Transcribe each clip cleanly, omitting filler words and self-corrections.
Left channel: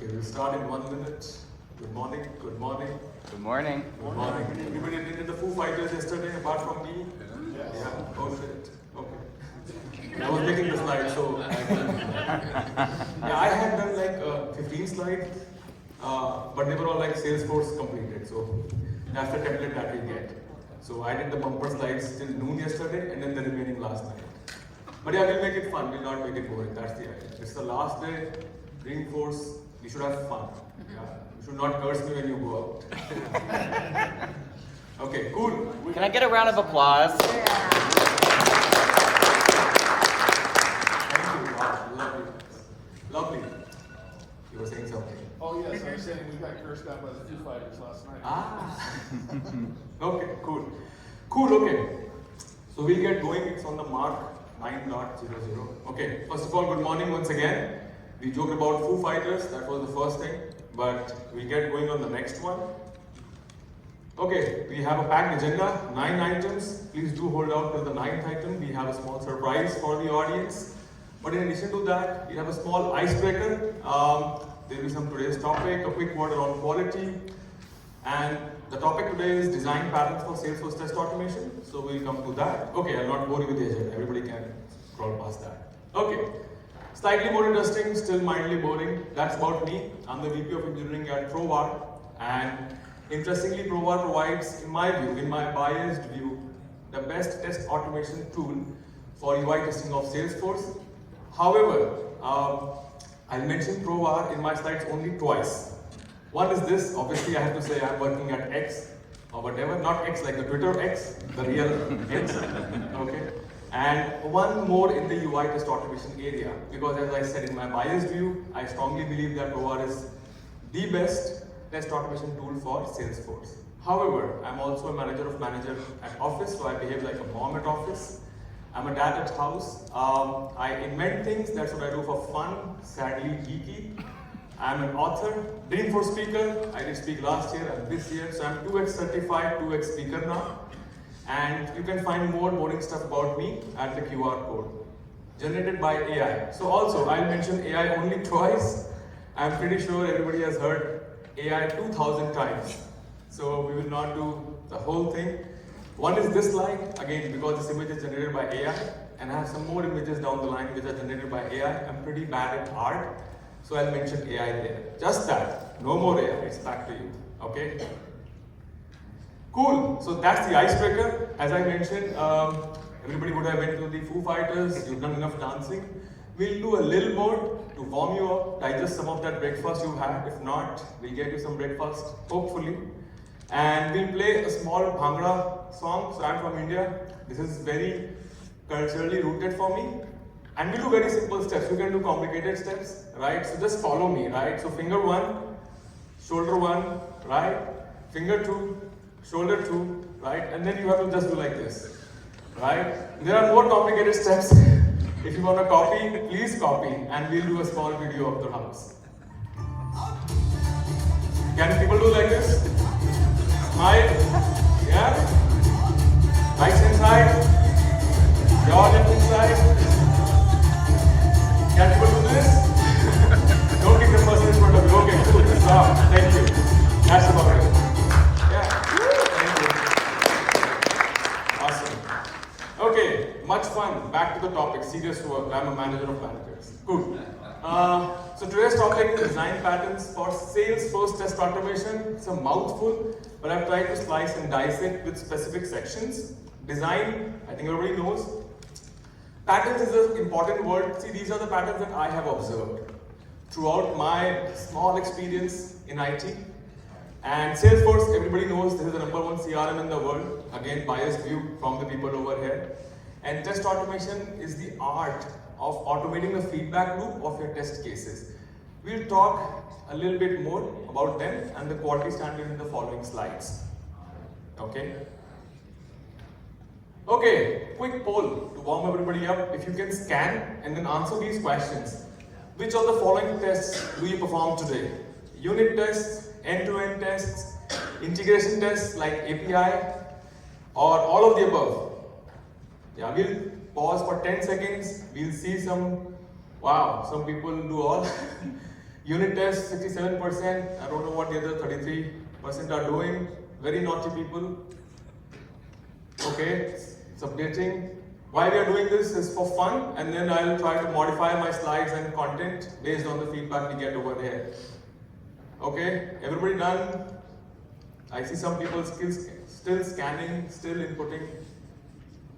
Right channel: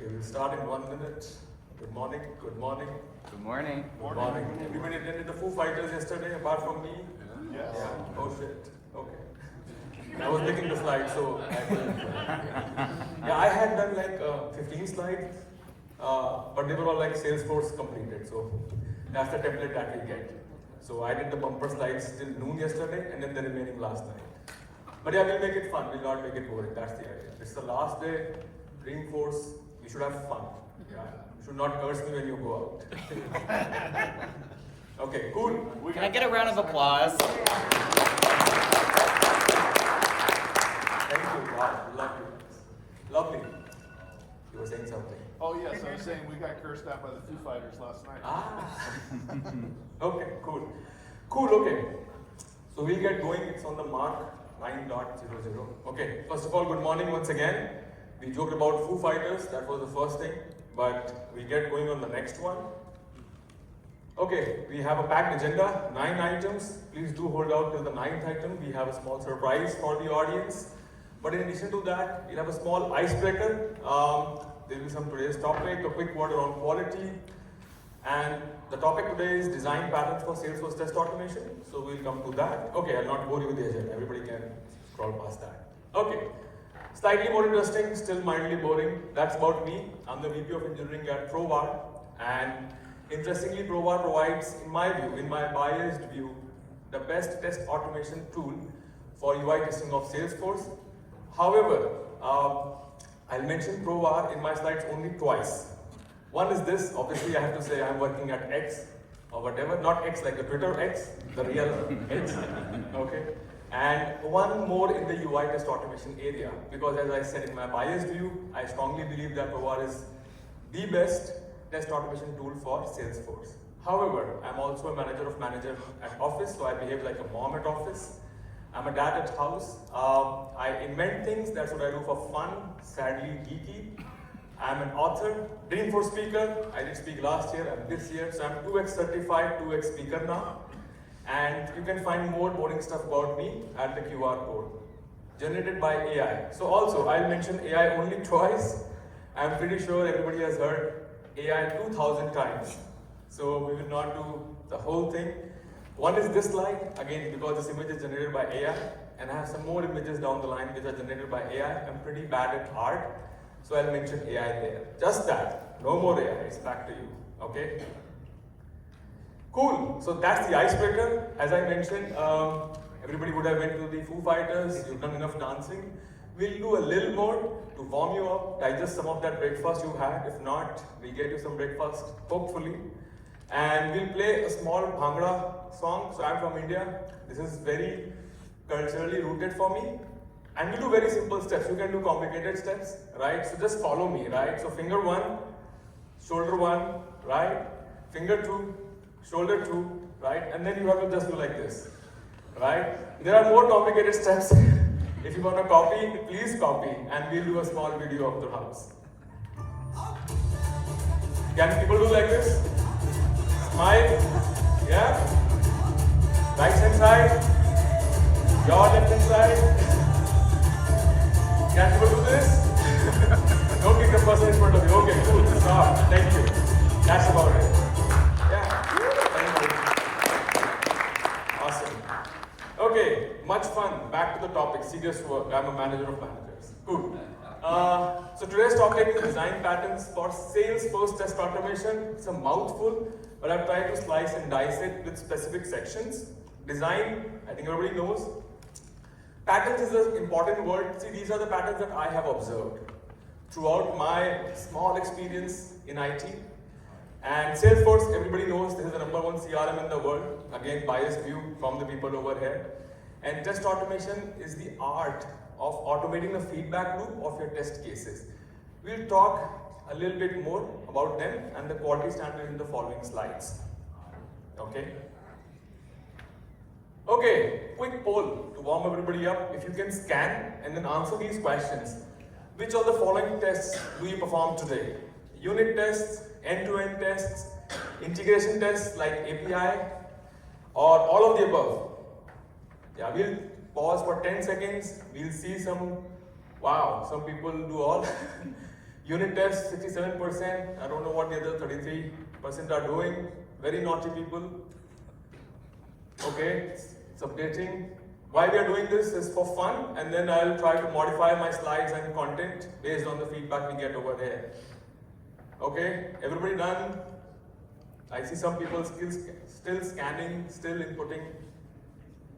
Okay, we'll start in 1 minute. Good morning, good morning. Good morning. Good morning. Everybody attended the Foo Fighters yesterday apart from me? Yeah. Oh shit. Okay. I was making the slides, so I had done like 15 slides, but they were all like Salesforce completed. So that's the template that we get. So I did the bumper slides till noon yesterday and then the remaining last night. But yeah, we'll make it fun. We'll not make it boring. That's the idea. It's the last day. Dreamforce. We should have fun. Yeah. You should not curse me when you go out. Okay, cool. Can I get a round of applause? Lovely. You were saying something. Oh yes, I was saying we got cursed out by the Foo Fighters last night. Okay, cool. Cool, okay. So we'll get going. It's on the mark 9.00. Okay, first of all, good morning once again. We joked about Foo Fighters, that was the first thing, but we'll get going on the next one. Okay, we have a packed agenda, 9 items. Please do hold out till the 9th item. We have a small surprise for the audience. But in addition to that, we have a small icebreaker. There will be some today's topic, a quick word on quality. And the topic today is design patterns for Salesforce test automation. So we'll come to that. Okay, I'll not bore you with the agenda. Everybody can scroll past that. Okay, slightly more interesting, still mildly boring. That's about me. I'm the VP of Engineering at Crowbar. And interestingly, Crowbar provides, in my view, in my biased view, the best test automation tool for UI testing of Salesforce. However, I mentioned Crowbar in my slides only twice. One is this, obviously I have to say I'm working at X or whatever, not X like the Twitter X, the real X, okay? And one more in the UI test automation area, because as I said in my biased view, I strongly believe that Crowbar is the best test automation tool for Salesforce. However, I'm also a manager at office, so I behave like a mom at office. I'm a dad at house. I invent things, that's what I do for fun, sadly geeky. I'm an author, Dreamforce speaker. I did speak last year and this year, so I'm 2X certified, 2X speaker now. And you can find more boring stuff about me at the QR code. Generated by AI. So also, I mentioned AI only twice. I'm pretty sure everybody has heard AI 2,000 times. So we will not do the whole thing. One is this slide, again, because this image is generated by AI, and I have some more images down the line which are generated by AI. I'm pretty bad at art, so I'll mention AI there. Just that, no more AI, it's back to you, okay? Cool, so that's the icebreaker. As I mentioned, everybody would have went to the Foo Fighters, you've done enough dancing. We'll do a little more to warm you up, digest some of that breakfast you had. If not, we'll get you some breakfast, hopefully. And we'll play a small Bhangra song. So I'm from India. This is very culturally rooted for me. And we do very simple steps. You can do complicated steps, right? So just follow me, right? So finger 1, shoulder 1, right? Finger 2, shoulder 2, right? And then you have to just do like this, right? There are more complicated steps. If you want to copy, please copy. And we'll do a small video of the house. Can people do like this? Smile, yeah. Right hand side, your left hand side. Can people do this? Don't take the first input of it. Okay, good. Stop. Thank you. That's about it. Yeah. Awesome. Okay, much fun. Back to the topic. Serious work. I'm a manager of managers. Good. So today's topic is design patterns for Salesforce test automation. It's a mouthful, but I've tried to slice and dice it with specific sections. Design, I think everybody knows. Patterns is an important word. See, these are the patterns that I have observed throughout my small experience in IT. And Salesforce, everybody knows this is the #1 CRM in the world. Again, biased view from the people over here. And test automation is the art of automating the feedback loop of your test cases. We'll talk a little bit more about them and the quality standard in the following slides. Okay? Okay, quick poll to warm everybody up. If you can scan and then answer these questions. Which of the following tests do we perform today? Unit tests, end-to-end tests, integration tests like API, or all of the above? Yeah, we'll pause for 10 seconds. We'll see some, wow, some people do all. Unit tests, 67%. I don't know what the other 33% are doing. Very naughty people. Okay, it's updating. Why we are doing this is for fun, and then I will try to modify my slides and content based on the feedback we get over here. Okay, everybody done? I see some people still scanning, still inputting.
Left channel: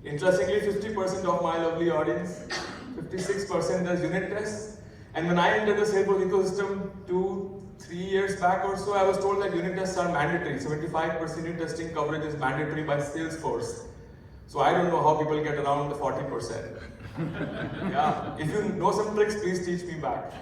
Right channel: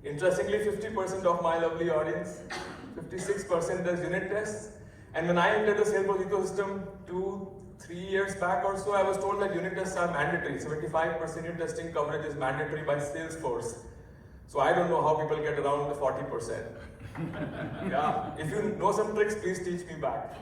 Interestingly, 50% of my lovely audience, 56% does unit tests. And when I entered the Salesforce ecosystem 2-3 years back or so, I was told that unit tests are mandatory. 75% unit testing coverage is mandatory by Salesforce. So I don't know how people get around the 40%. Yeah, if you know some tricks, please teach me back.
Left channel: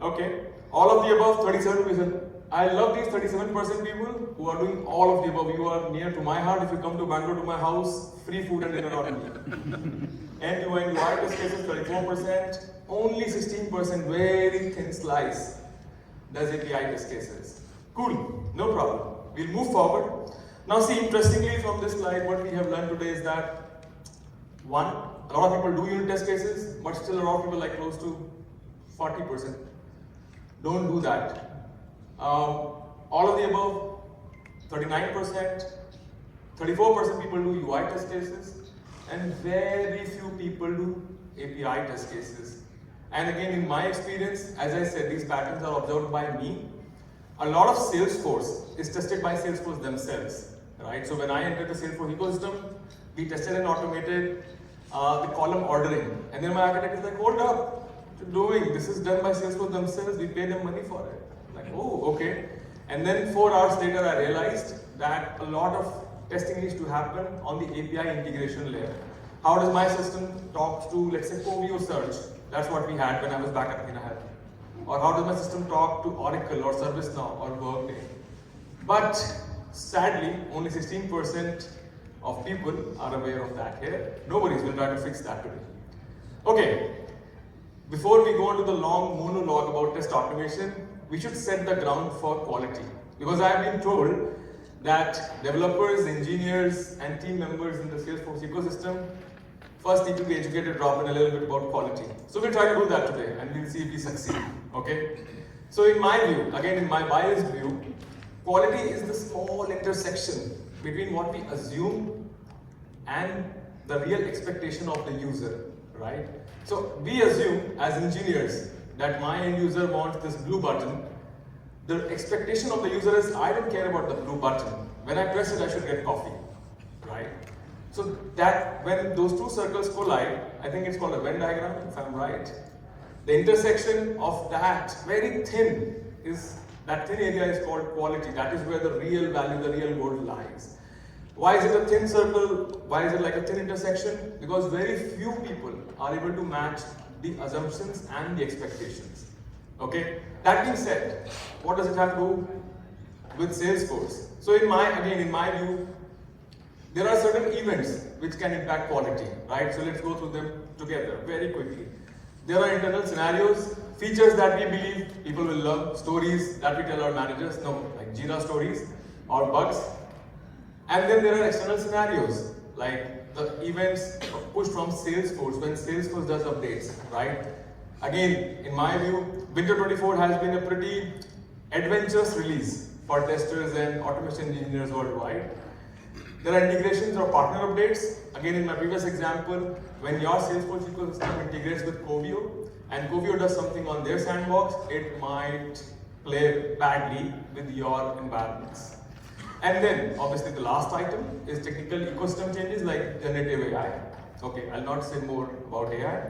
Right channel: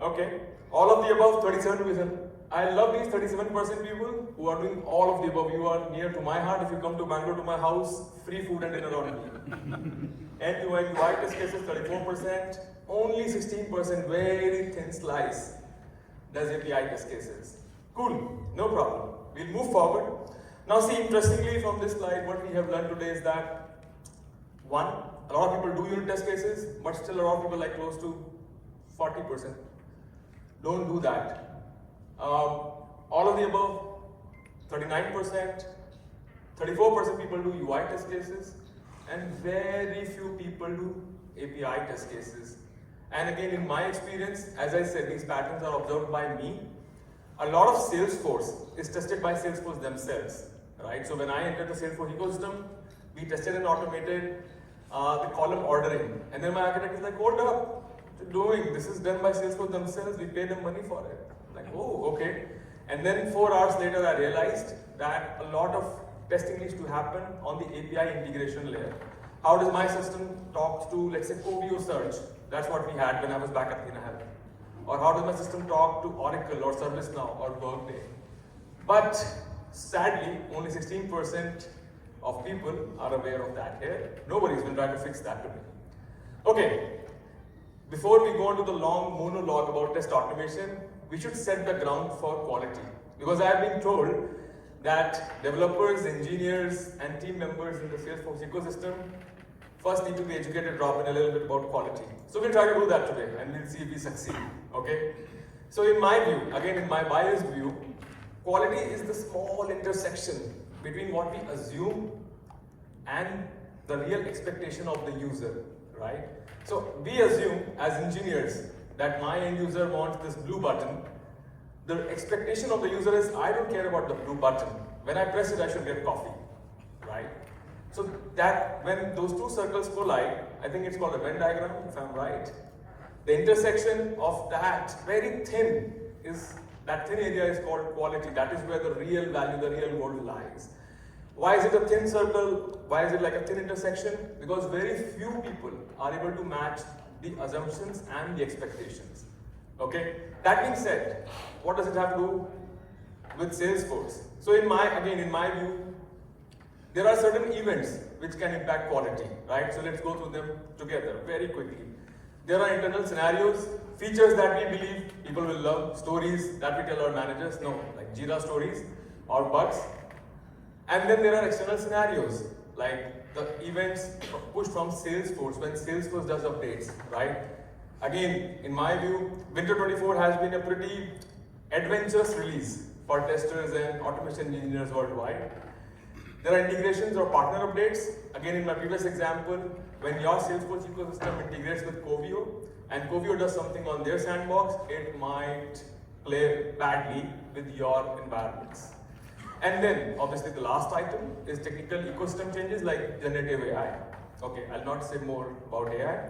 Okay, all of the above, 37%. I love these 37% people who are doing all of the above. You are near to my heart. If you come to Bangalore to my house, free food and dinner on me. End-to-end UI test cases, 34%. Only 16%, very thin slice, does API test cases. Cool, no problem. We'll move forward. Now see, interestingly from this slide, what we have learned today is that, one, a lot of people do unit test cases, but still a lot of people, like close to 40%, don't do that. All of the above, 39%, 34% people do UI test cases, and very few people do API test cases. And again, in my experience, as I said, these patterns are observed by me. A lot of Salesforce is tested by Salesforce themselves, right? So when I entered the Salesforce ecosystem, we tested and automated the column ordering. And then my architect is like, hold up, what are you doing? This is done by Salesforce themselves, we pay them money for it. Like, oh, okay. And then 4 hours later, I realized that a lot of testing needs to happen on the API integration layer. How does my system talk to, let's say, Covio search? That's what we had when I was back at Athena. Or how does my system talk to Oracle or ServiceNow or Workday? But sadly, only 16% of people are aware of that here. Nobody's been trying to fix that today. Okay, before we go into the long monologue about test automation, we should set the ground for quality. Because I've been told that developers, engineers, and team members in the Salesforce ecosystem first need to be educated, drop in a little bit about quality. So we'll try to do that today, and we'll see if we succeed, okay? So in my view, again in my biased view, quality is the small intersection between what we assume and the real expectation of the user, right? So we assume as engineers that my end user wants this blue button. The expectation of the user is, I don't care about the blue button. When I press it, I should get coffee, right? So that when those two circles collide, I think it's called a Venn diagram, if I'm right. The intersection of that very thin that thin area is called quality. That is where the real value, the real gold lies. Why is it a thin circle? Why is it like a thin intersection? Because very few people are able to match the assumptions and the expectations. Okay? That being said, what does it have to do with Salesforce? So in my view, there are certain events which can impact quality, right? So let's go through them together very quickly. There are internal scenarios, features that we believe people will love, stories that we tell our managers, like Jira stories or bugs. And then there are external scenarios, like the events pushed from Salesforce when Salesforce does updates, right? Again, in my view, Winter 24 has been a pretty adventurous release for testers and automation engineers worldwide. There are integrations or partner updates. Again, in my previous example, when your Salesforce ecosystem integrates with Covio, and Covio does something on their sandbox, it might play badly with your environments. And then, obviously, the last item is technical ecosystem changes like generative AI. Okay, I'll not say more about AI.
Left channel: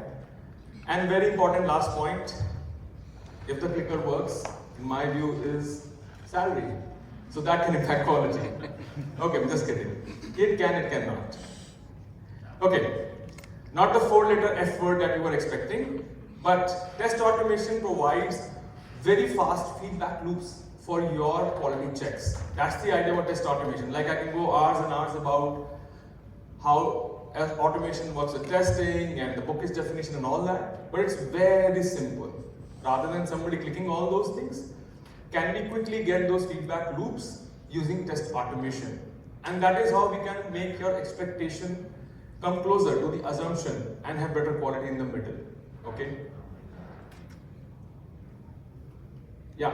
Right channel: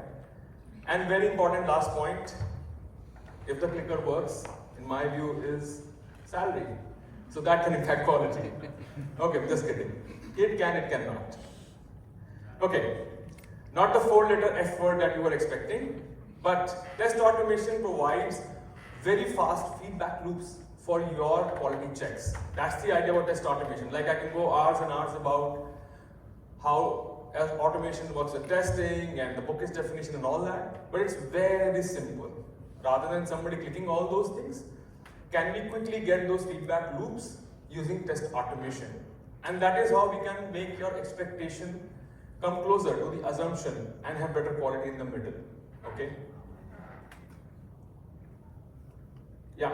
And very important last point, if the clicker works, in my view, is salary. So that can impact quality. Okay, I'm just kidding. It can, it cannot. Okay, not the 4-letter F word that you were expecting, but test automation provides very fast feedback loops for your quality checks. That's the idea of test automation. Like I can go hours and hours about how automation works with testing and the bookish definition and all that, but it's very simple. Rather than somebody clicking all those things, can we quickly get those feedback loops using test automation? And that is how we can make your expectation come closer to the assumption and have better quality in the middle. Okay? Yeah.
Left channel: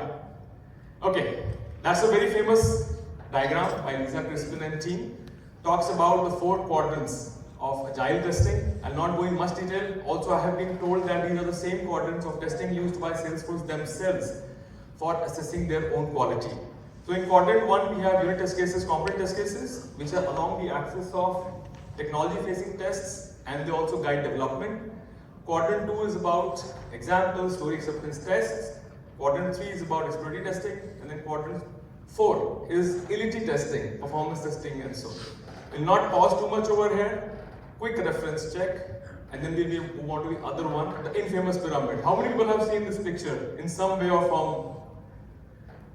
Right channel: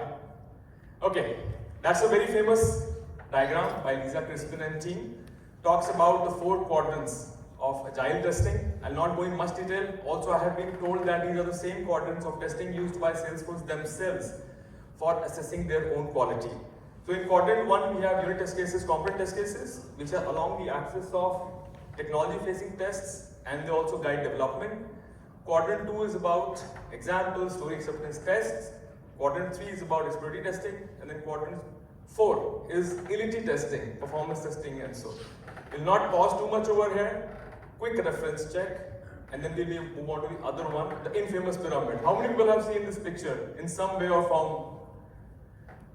Okay, that's a very famous diagram by Lisa Crispin and team. Talks about the 4 quadrants of agile testing. I'm not going much detail. Also, I have been told that these are the same quadrants of testing used by Salesforce themselves for assessing their own quality. So in quadrant 1, we have unit test cases, component test cases, which are along the axis of technology-facing tests, and they also guide development. Quadrant 2 is about examples, story acceptance tests. Quadrant 3 is about exploratory testing, and then quadrant 4 is utility testing, performance testing, and so on. We'll not pause too much over here. Quick reference check, and then we'll move on to the other one, the infamous pyramid. How many people have seen this picture in some way or form?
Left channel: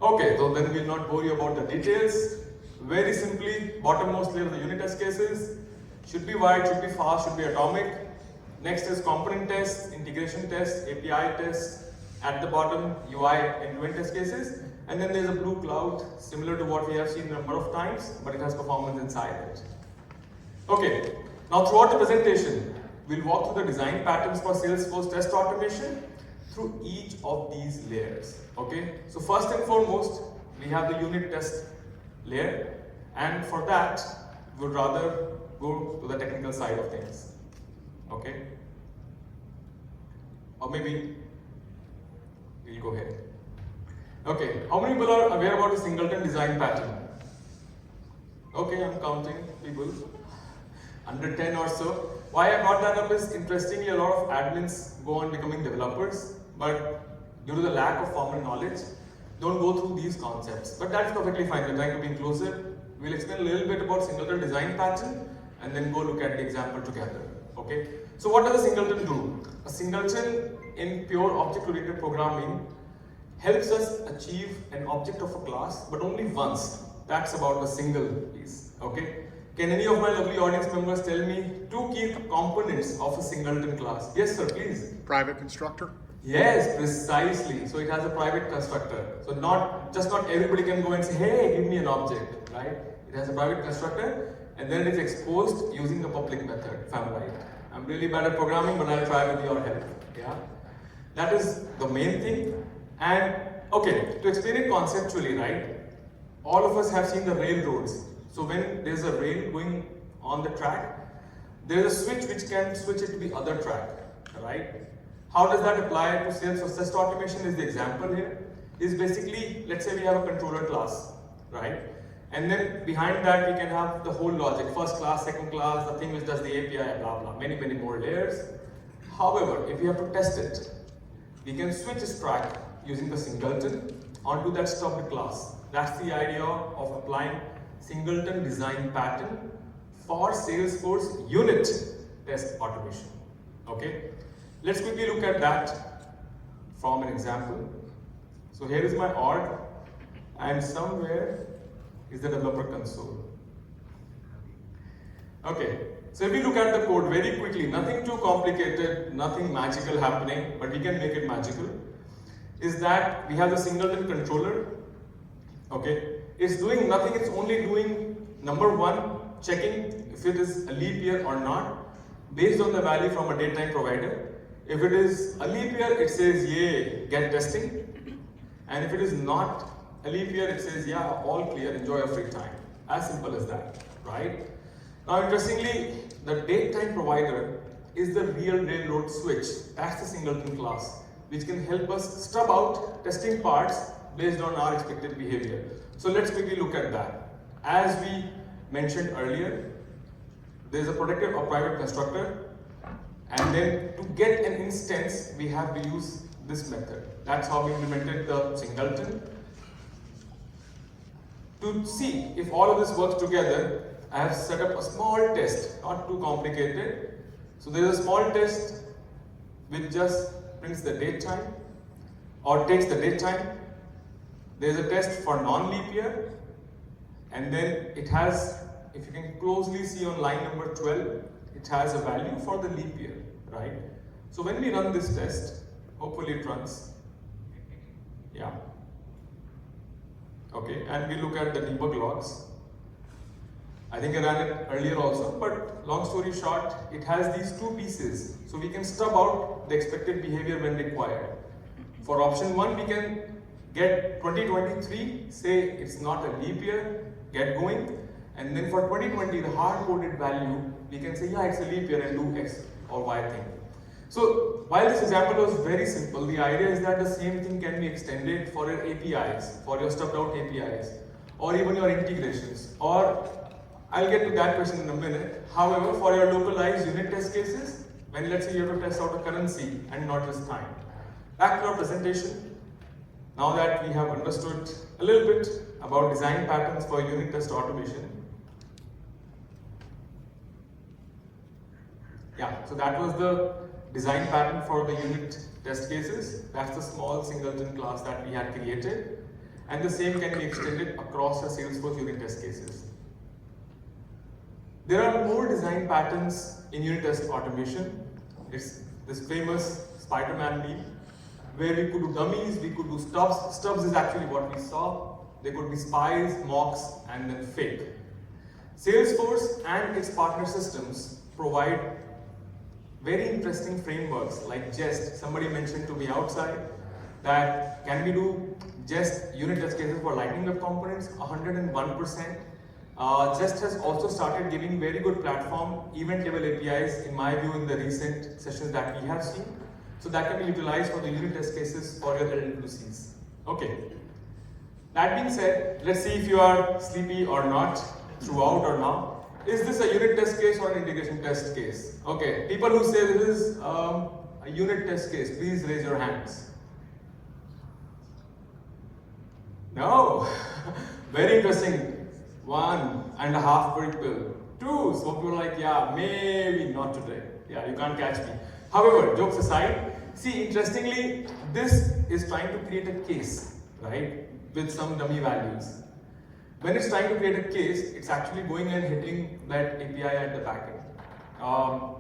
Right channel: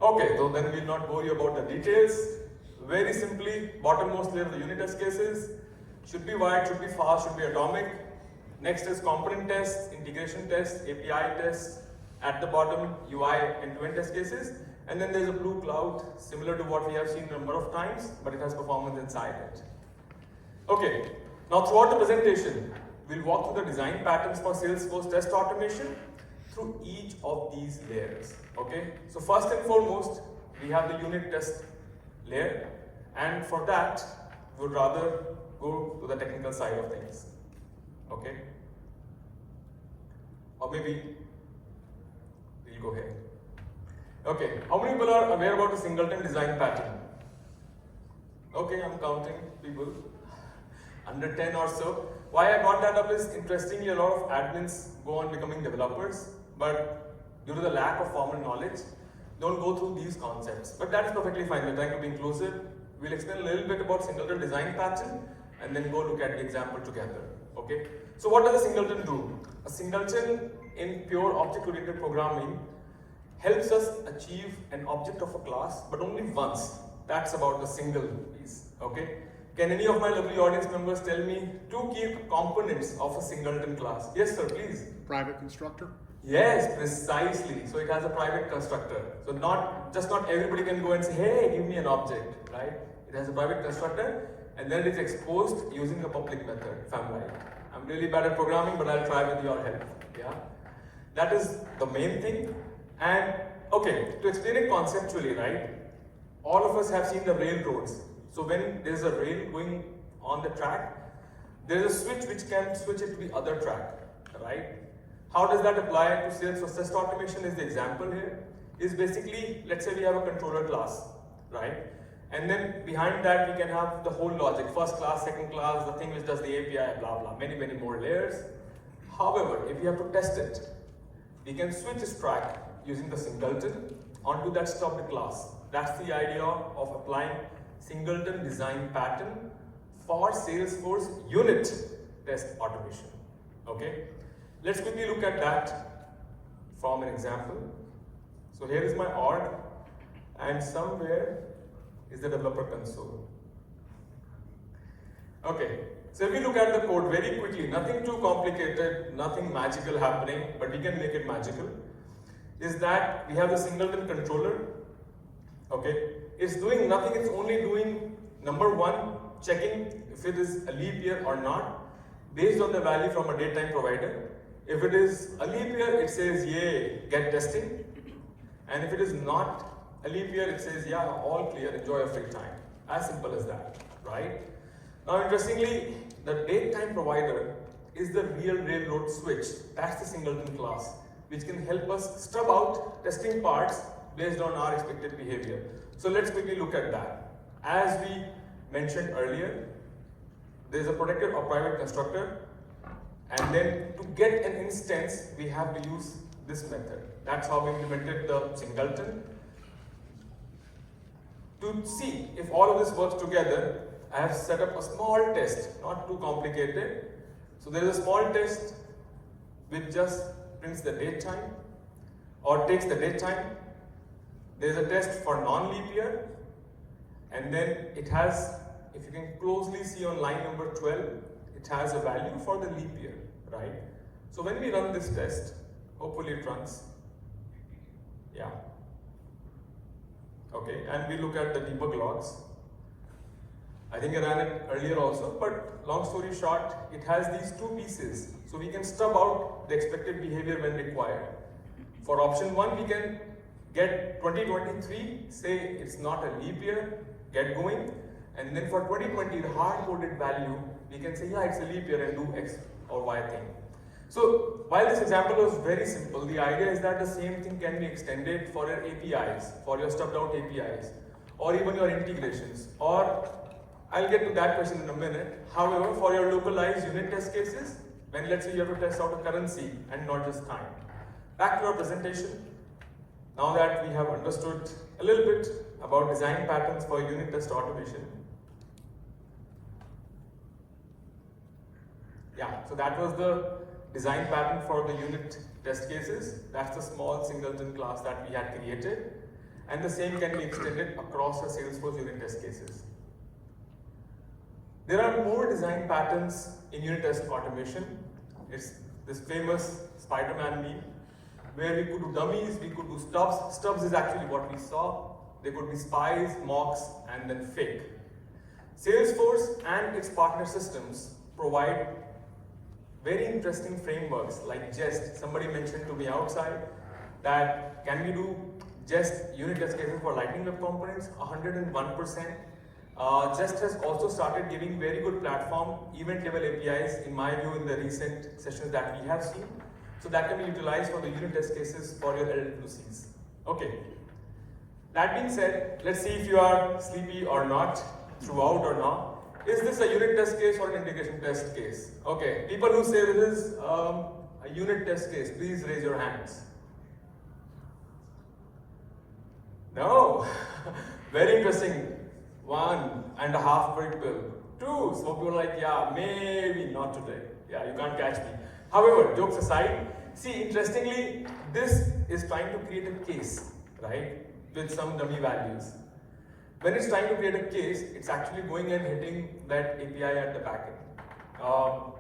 Okay, so then we'll not bore you about the details. Very simply, bottommost layer, the unit test cases should be wide, should be fast, should be atomic. Next is component tests, integration tests, API tests. At the bottom, UI end-to-end test cases. And then there's a blue cloud, similar to what we have seen a number of times, but it has performance inside it. Okay, now throughout the presentation, we'll walk through the design patterns for Salesforce test automation through each of these layers. Okay, so first and foremost, we have the unit test layer, and for that, we would rather go to the technical side of things. Okay, or maybe we'll go ahead. Okay, how many people are aware about the singleton design pattern? Okay, I'm counting people. Under 10 or so. Why I brought that up is, interestingly, a lot of admins go on becoming developers, but due to the lack of formal knowledge, don't go through these concepts. But that's perfectly fine. We're trying to be inclusive. We'll explain a little bit about singleton design pattern, and then go look at the example together. Okay. So what does a singleton do? A singleton in pure object-oriented programming helps us achieve an object of a class, but only once. That's about a single piece. Okay. Can any of my lovely audience members tell me 2 key components of a singleton class? Yes, sir, please. Private constructor? Yes, precisely. So it has a private constructor. So not everybody can go and say, hey, give me an object, right? It has a private constructor, and then it's exposed using the public method, if I'm right. I'm really bad at programming, but I'll try with your help. Yeah, that is the main thing. And okay, to explain it conceptually, right? All of us have seen the railroads. So when there's a rail going on the track, there's a switch which can switch it to the other track, right? How does that apply to Salesforce test automation? Is the example here. Is basically, let's say we have a controller class, right? And then behind that we can have the whole logic, first class, second class, the thing which does the API, blah blah, many more layers. However, if we have to test it, we can switch this track using the singleton onto that stub class. That's the idea of applying singleton design pattern for Salesforce unit test automation. Okay, let's quickly look at that from an example. So here is my org, and somewhere is the developer console. Okay, so if we look at the code very quickly, nothing too complicated, nothing magical happening, but we can make it magical, is that we have a singleton controller. Okay, it's doing nothing, it's only doing number 1, checking if it is a leap year or not, based on the value from a datetime provider. If it is a leap year, it says yay, get testing. And if it is not a leap year, it says yeah, all clear, enjoy your free time. As simple as that, right? Now interestingly, the datetime provider is the real railroad switch. That's the singleton class, which can help us stub out testing parts based on our expected behavior. So let's quickly look at that. As we mentioned earlier, there is a protected or private constructor, and then to get an instance, we have to use this method. That's how we implemented the singleton. To see if all of this works together, I have set up a small test, not too complicated. So there is a small test which just prints the date time or takes the date time. There is a test for non-leap year, and then it has, if you can closely see on line number 12, it has a value for the leap year, right? So when we run this test, hopefully it runs. Yeah. Okay, and we look at the debug logs. I think I ran it earlier also, but long story short, it has these 2 pieces. So we can stub out the expected behavior when required. For option 1, we can Get 2023, say it's not a leap year, get going. And then for 2020, the hard-coded value, we can say, yeah, it's a leap year and do X or Y thing. So while this example was very simple, the idea is that the same thing can be extended for your APIs, for your stubbed out APIs, or even your integrations. Or I'll get to that question in a minute. However, for your localized unit test cases, when let's say you have to test out a currency and not just time. Back to our presentation. Now that we have understood a little bit about design patterns for unit test automation. Yeah, so that was the design pattern for the unit test cases. That's the small singleton class that we had created. And the same can be extended across the Salesforce unit test cases. There are more design patterns in unit test automation. It's this famous Spider-Man meme, where we could do dummies, we could do stubs. Stubs is actually what we saw. They could be spies, mocks, and then fake. Salesforce and its partner systems provide very interesting frameworks like Jest. Somebody mentioned to me outside that can we do Jest unit test cases for Lightning Web Components? 101%. Jest has also started giving very good platform event level APIs in my view in the recent sessions that we have seen. So that can be utilized for the unit test cases for your LWCs. Okay. That being said, let's see if you are sleepy or not, throughout or not. Is this a unit test case or an integration test case? Okay, people who say this is a unit test case, please raise your hands. No, very interesting. 1.5 people. 2, some people are like, yeah, maybe not today. Yeah, you can't catch me. However, jokes aside, see, interestingly, this is trying to create a case, right, with some dummy values. When it's trying to create a case, it's actually going and hitting that API at the backend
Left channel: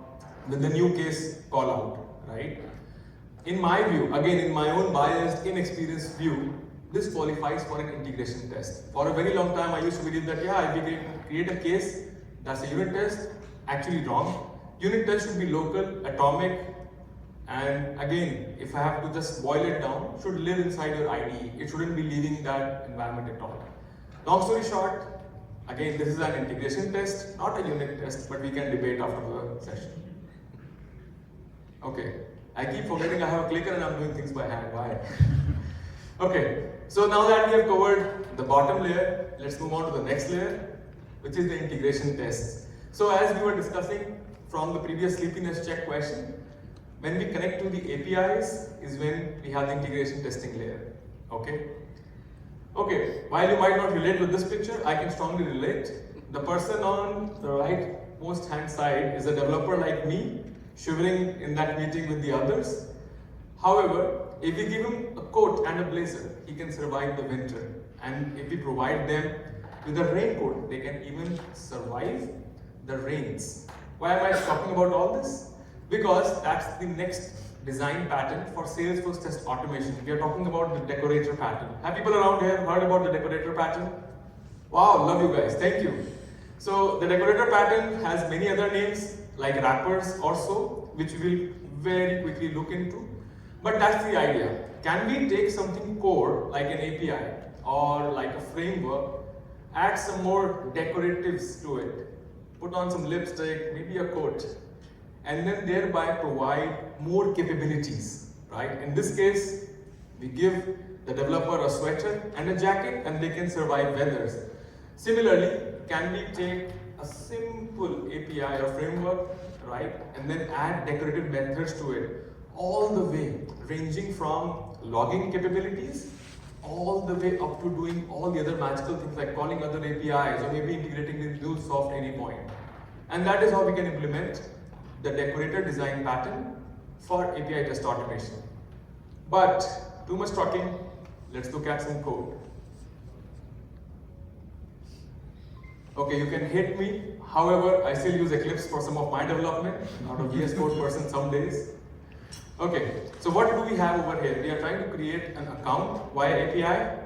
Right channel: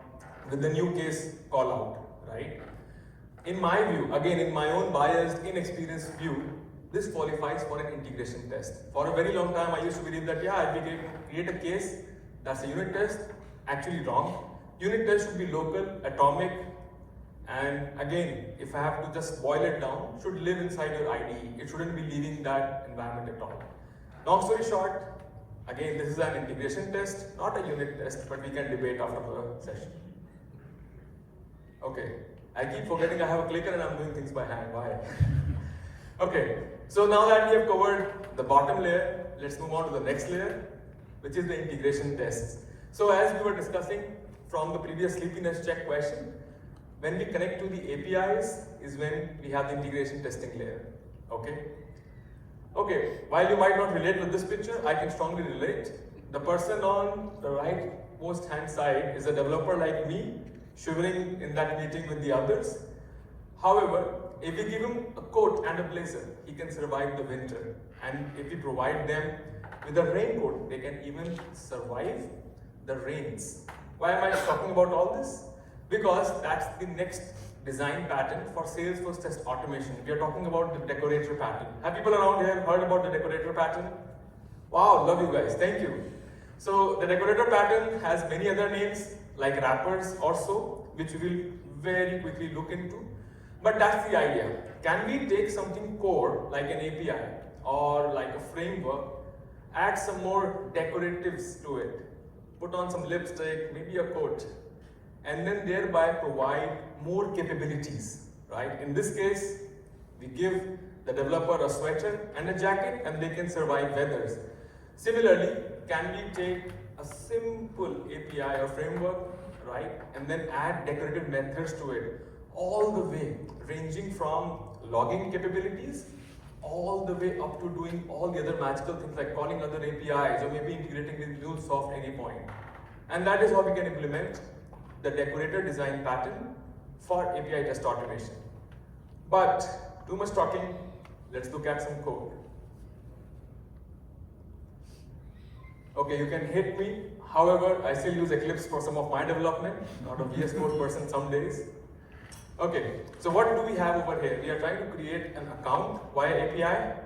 with the new case call out, right? In my view, again, in my own biased, inexperienced view, this qualifies for an integration test. For a very long time, I used to believe that, yeah, if we create a case, that's a unit test. Actually wrong. Unit test should be local, atomic, and again, if I have to just boil it down, should live inside your IDE. It shouldn't be leaving that environment at all. Long story short, again, this is an integration test, not a unit test, but we can debate after the session. Okay, I keep forgetting I have a clicker and I'm doing things by hand. Why? Okay, so now that we have covered the bottom layer, let's move on to the next layer, which is the integration tests. So as we were discussing from the previous sleepiness check question, when we connect to the APIs is when we have the integration testing layer. Okay? Okay, while you might not relate with this picture, I can strongly relate. The person on the right most hand side is a developer like me, shivering in that meeting with the others. However, if we give him a coat and a blazer, he can survive the winter. And if we provide them with a raincoat, they can even survive the rains. Why am I talking about all this? Because that's the next design pattern for Salesforce test automation. We are talking about the decorator pattern. Have people around here heard about the decorator pattern? Wow, love you guys, thank you. So the decorator pattern has many other names like wrappers or so, which we will very quickly look into. But that's the idea. Can we take something core like an API or like a framework, add some more decoratives to it, put on some lipstick, maybe a coat, and then thereby provide more capabilities, right? In this case, we give the developer a sweater and a jacket and they can survive weathers. Similarly, can we take a simple API or framework, right, and then add decorative methods to it, all the way, ranging from logging capabilities, all the way up to doing all the other magical things like calling other APIs or maybe integrating with MuleSoft at any point. And that is how we can implement the decorator design pattern for API test automation. But too much talking, let's look at some code. Okay, you can hit me. However, I still use Eclipse for some of my development. I'm a VS Code person some days. Okay, so what do we have over here? We are trying to create an account via API,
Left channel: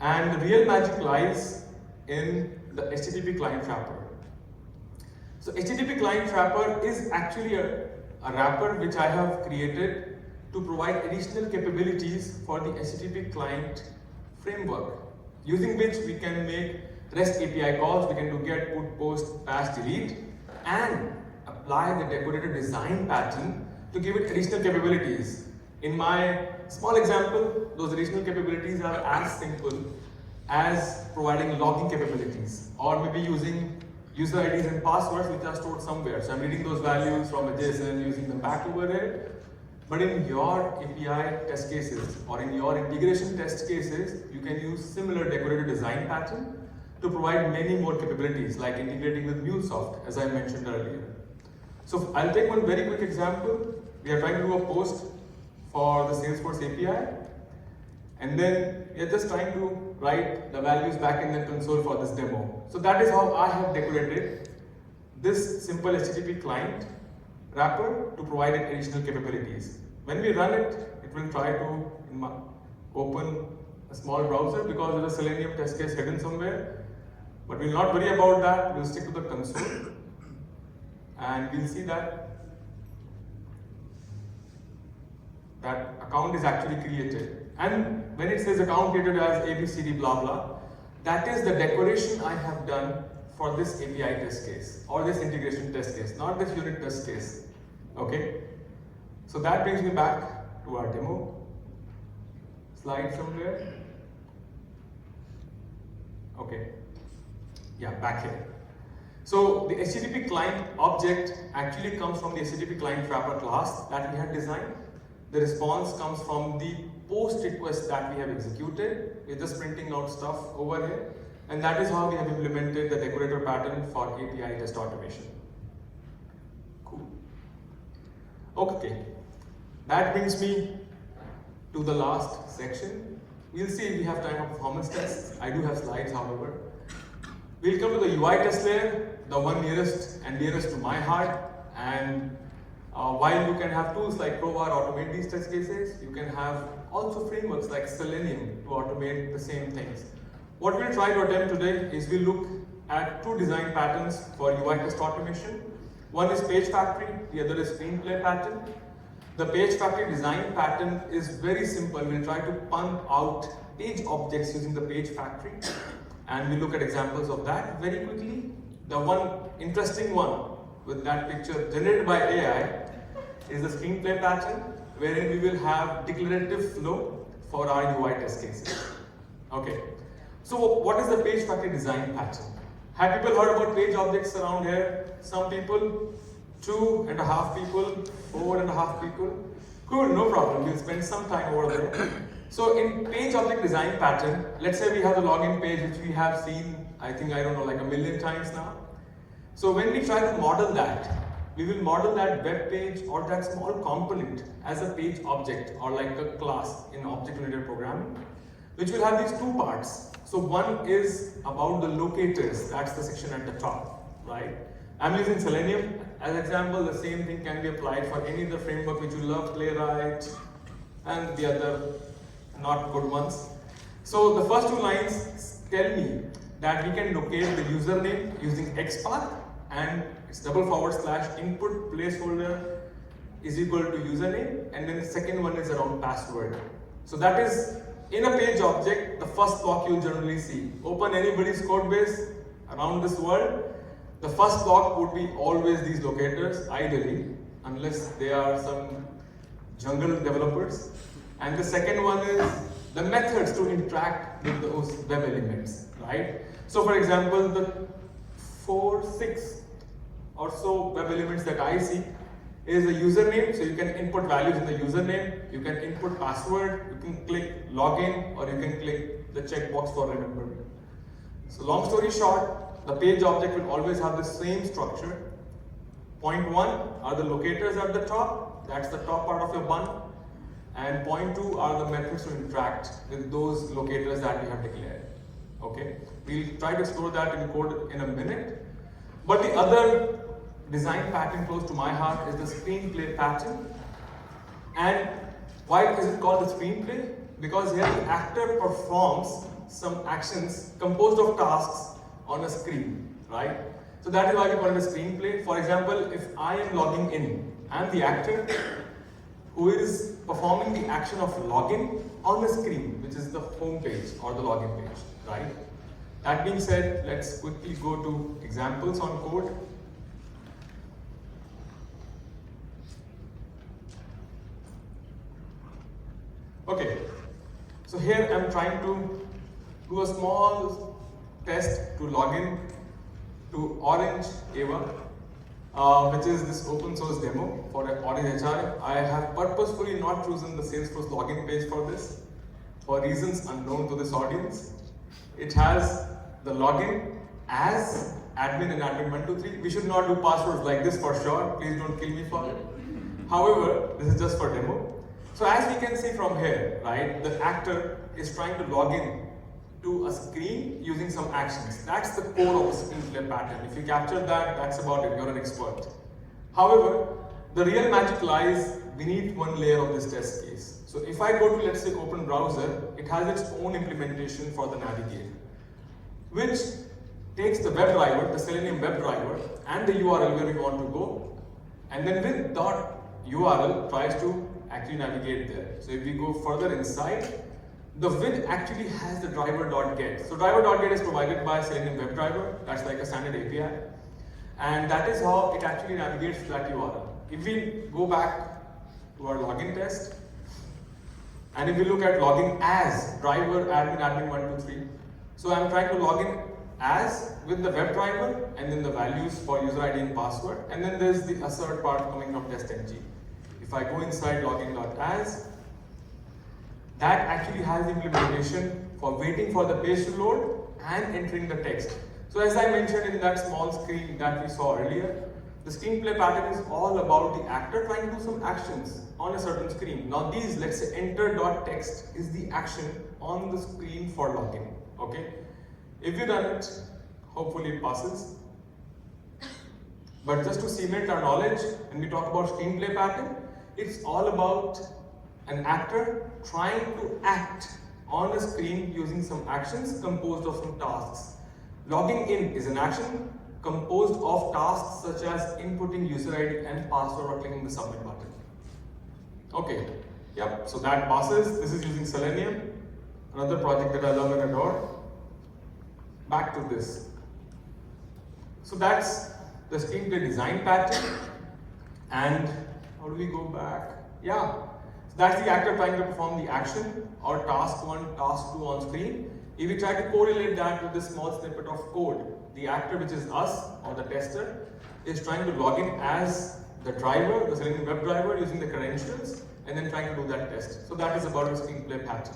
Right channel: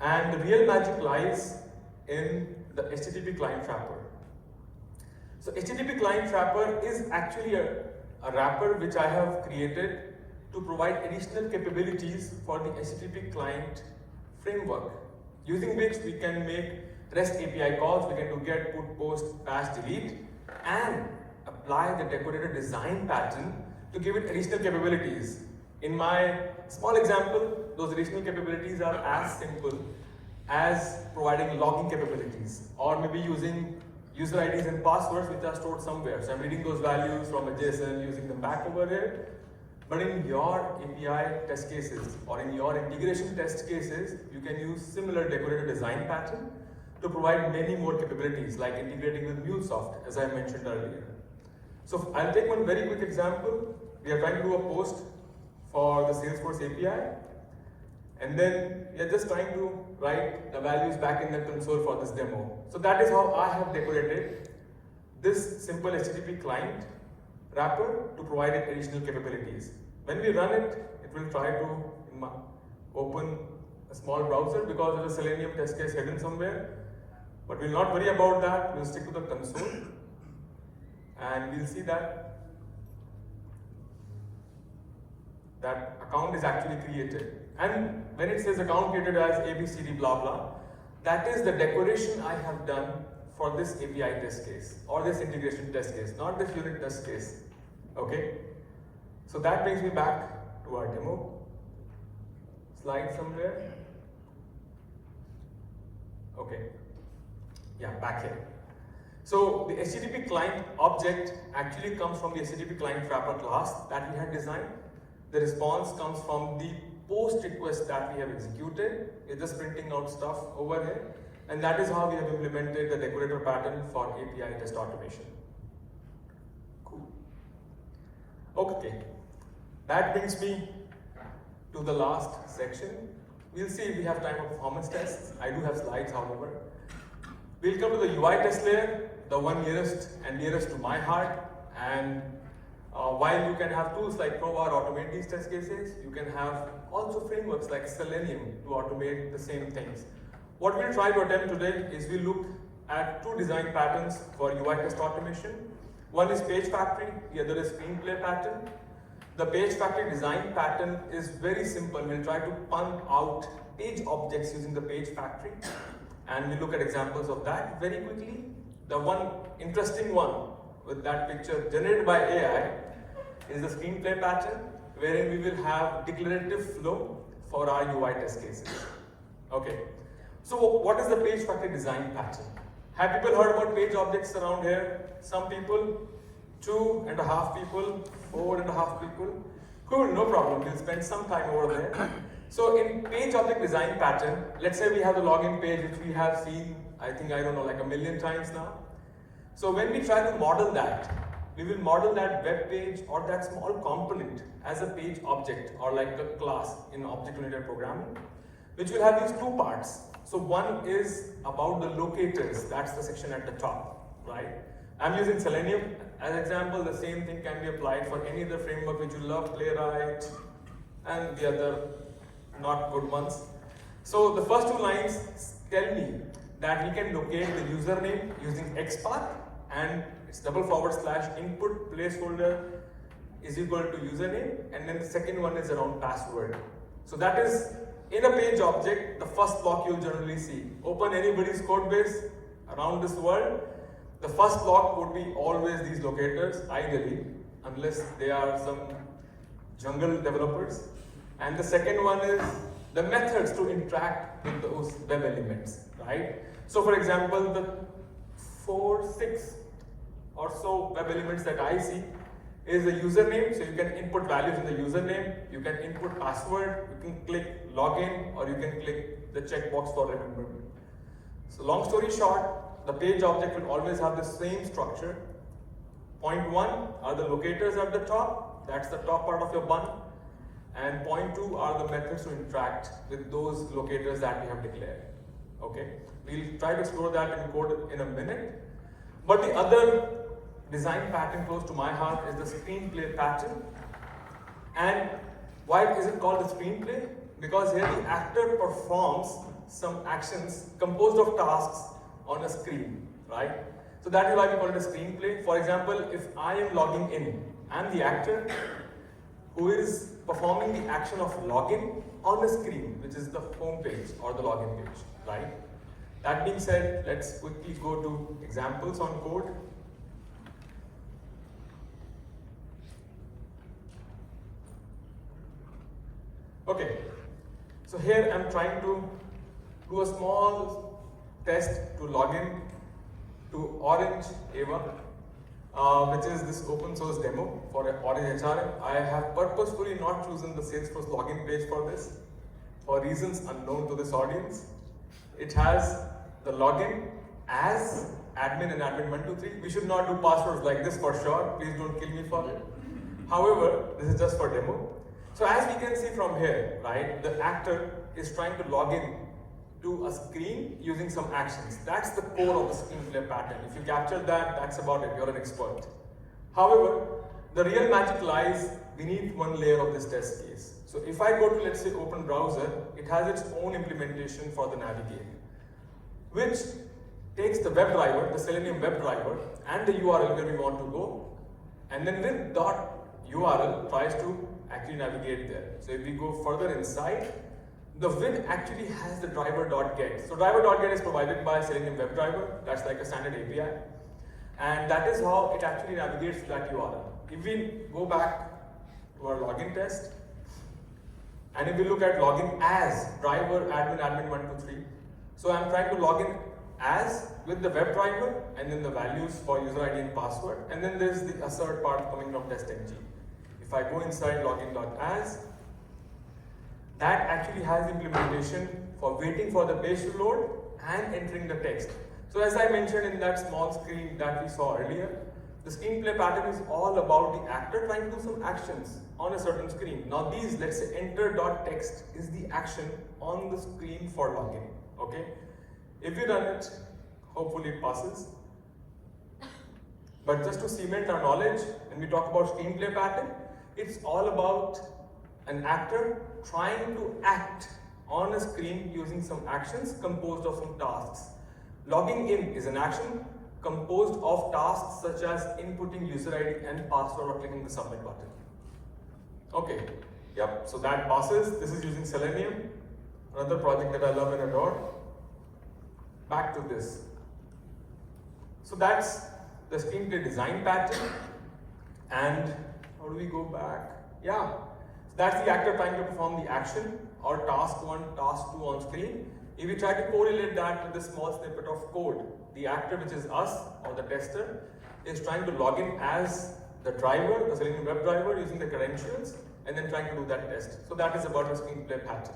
and the real magic lies in the HTTP client wrapper. So HTTP client wrapper is actually a wrapper which I have created to provide additional capabilities for the HTTP client framework, using which we can make REST API calls, we can do get, put, post, patch, delete, and apply the decorated design pattern to give it additional capabilities. In my small example, those additional capabilities are as simple as providing logging capabilities, or maybe using user IDs and passwords which are stored somewhere. So I'm reading those values from a JSON, using them back over here. But in your API test cases or in your integration test cases, you can use similar decorated design pattern to provide many more capabilities, like integrating with MuleSoft, as I mentioned earlier. So I'll take one very quick example. We are trying to do a post for the Salesforce API, and then we are just trying to write the values back in the console for this demo. So that is how I have decorated this simple HTTP client wrapper to provide additional capabilities. When we run it, it will try to open a small browser because there's a Selenium test case hidden somewhere. But we'll not worry about that, we'll stick to the console. And we'll see that account is actually created. And when it says account created as ABCD blah blah, that is the decoration I have done for this API test case or this integration test case, not this unit test case. Okay? So that brings me back to our demo. Slide somewhere. Okay. Yeah, back here. So the HTTP client object actually comes from the HTTP client wrapper class that we had designed. The response comes from the post request that we have executed. We're just printing out stuff over here. And that is how we have implemented the decorator pattern for API test automation. Cool. Okay. That brings me to the last section. We'll see if we have time for performance tests. I do have slides, however. We'll come to the UI test layer, the one nearest to my heart. And while you can have tools like Provar automate these test cases, you can have also frameworks like Selenium to automate the same things. What we'll try to attempt today is we'll look at two design patterns for UI test automation. One is page factory, the other is screenplay pattern. The page factory design pattern is very simple. We'll try to pump out page objects using the page factory. And we'll look at examples of that very quickly. The one interesting one with that picture generated by AI is the screenplay pattern, wherein we will have declarative flow for our UI test cases. Okay. So what is the page factory design pattern? Have people heard about page objects around here? Some people, 2.5 people, 4.5 people. Cool, no problem. We'll spend some time over there. So in page object design pattern, let's say we have a login page which we have seen, I don't know, like 1 million times now. So when we try to model that, we will model that web page or that small component as a page object or like a class in object-oriented programming, which will have these two parts. So one is about the locators, that's the section at the top, right? I'm using Selenium as an example. The same thing can be applied for any other framework which you love, Playwright, and the other not good ones. So the first two lines tell me that we can locate the username using XPath, and it's // input placeholder is equal to username, and then the second one is around password. So that is in a page object, the first block you'll generally see. Open anybody's code base around this world. The first block would be always these locators, ideally, unless they are some jungle developers. And the second one is the methods to interact with those web elements, right? So for example, the 6 or so web elements that I see is the username, so you can input values in the username, you can input password, you can click login, or you can click the checkbox for remembering. So long story short, the page object will always have the same structure. Point 1 are the locators at the top, that's the top part of a bun. And point 2 are the methods to interact with those locators that we have declared. Okay? We'll try to explore that in code in a minute. But the other design pattern close to my heart is the screenplay pattern. And why is it called the screenplay? Because here the actor performs some actions composed of tasks on a screen, right? So that is why we call it a screenplay. For example, if I am logging in, I'm the actor, who is performing the action of login on the screen, which is the home page or the login page, right? That being said, let's quickly go to examples on code. Okay, so here I'm trying to do a small test to log in to Orange A1, which is this open source demo for Orange HRM. I have purposefully not chosen the Salesforce login page for this, for reasons unknown to this audience. It has the login as admin and admin123. We should not do passwords like this for sure. Please don't kill me for it. However, this is just for demo. So as we can see from here, right, the actor is trying to log in to a screen using some actions. That's the core of the screenplay pattern. If you captured that, that's about it. You're an expert. However, the real magic lies beneath one layer of this test case. So if I go to, let's say, open browser, it has its own implementation for the navigate, which takes the web driver, the Selenium web driver, and the URL where you want to go, and then with .url tries to actually navigate there. So if we go further inside, the web actually has the driver.get. So driver.get is provided by Selenium WebDriver. That's like a standard API. And that is how it actually navigates to that URL. If we go back to our login test, and if we look at login as driver admin admin123, so I'm trying to log in as with the web driver and then the values for user ID and password, and then there's the assert part coming from testng. If I go inside login.as, that actually has the implementation for waiting for the page to load and entering the text. So as I mentioned in that small screen that we saw earlier, the screenplay pattern is all about the actor trying to do some actions on a certain screen. Now these, let's say enter.text is the action on the screen for login, okay? If you run it, hopefully it passes. But just to cement our knowledge, when we talk about screenplay pattern, it's all about an actor trying to act on a screen using some actions composed of some tasks. Logging in is an action composed of tasks such as inputting user ID and password or clicking the submit button. Okay, yep, so that passes. This is using Selenium, another project that I love and adore. Back to this. So that's the screenplay design pattern. And how do we go back? Yeah, so that's the actor trying to perform the action or task 1, task 2 on screen. If we try to correlate that with this small snippet of code, the actor, which is us or the tester, is trying to log in as the driver, the Selenium web driver, using the credentials, and then trying to do that test. So that is about the screenplay pattern.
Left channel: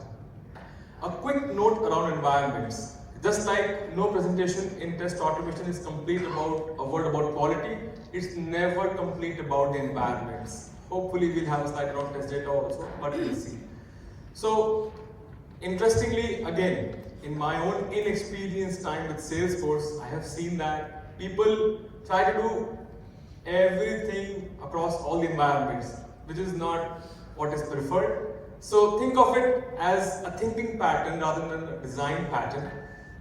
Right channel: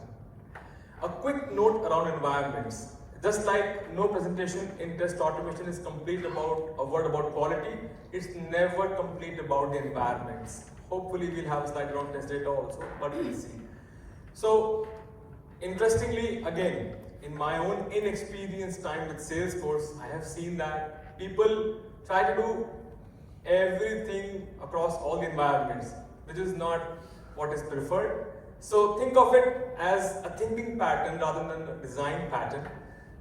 A quick note around environments. Just like no presentation in test automation is complete about a word about quality, it's never complete about the environments. Hopefully we'll have a slide on test data also, but we'll see. So, interestingly, again, in my own inexperienced time with Salesforce, I have seen that people try to do everything across all the environments, which is not what is preferred. So think of it as a thinking pattern rather than a design pattern.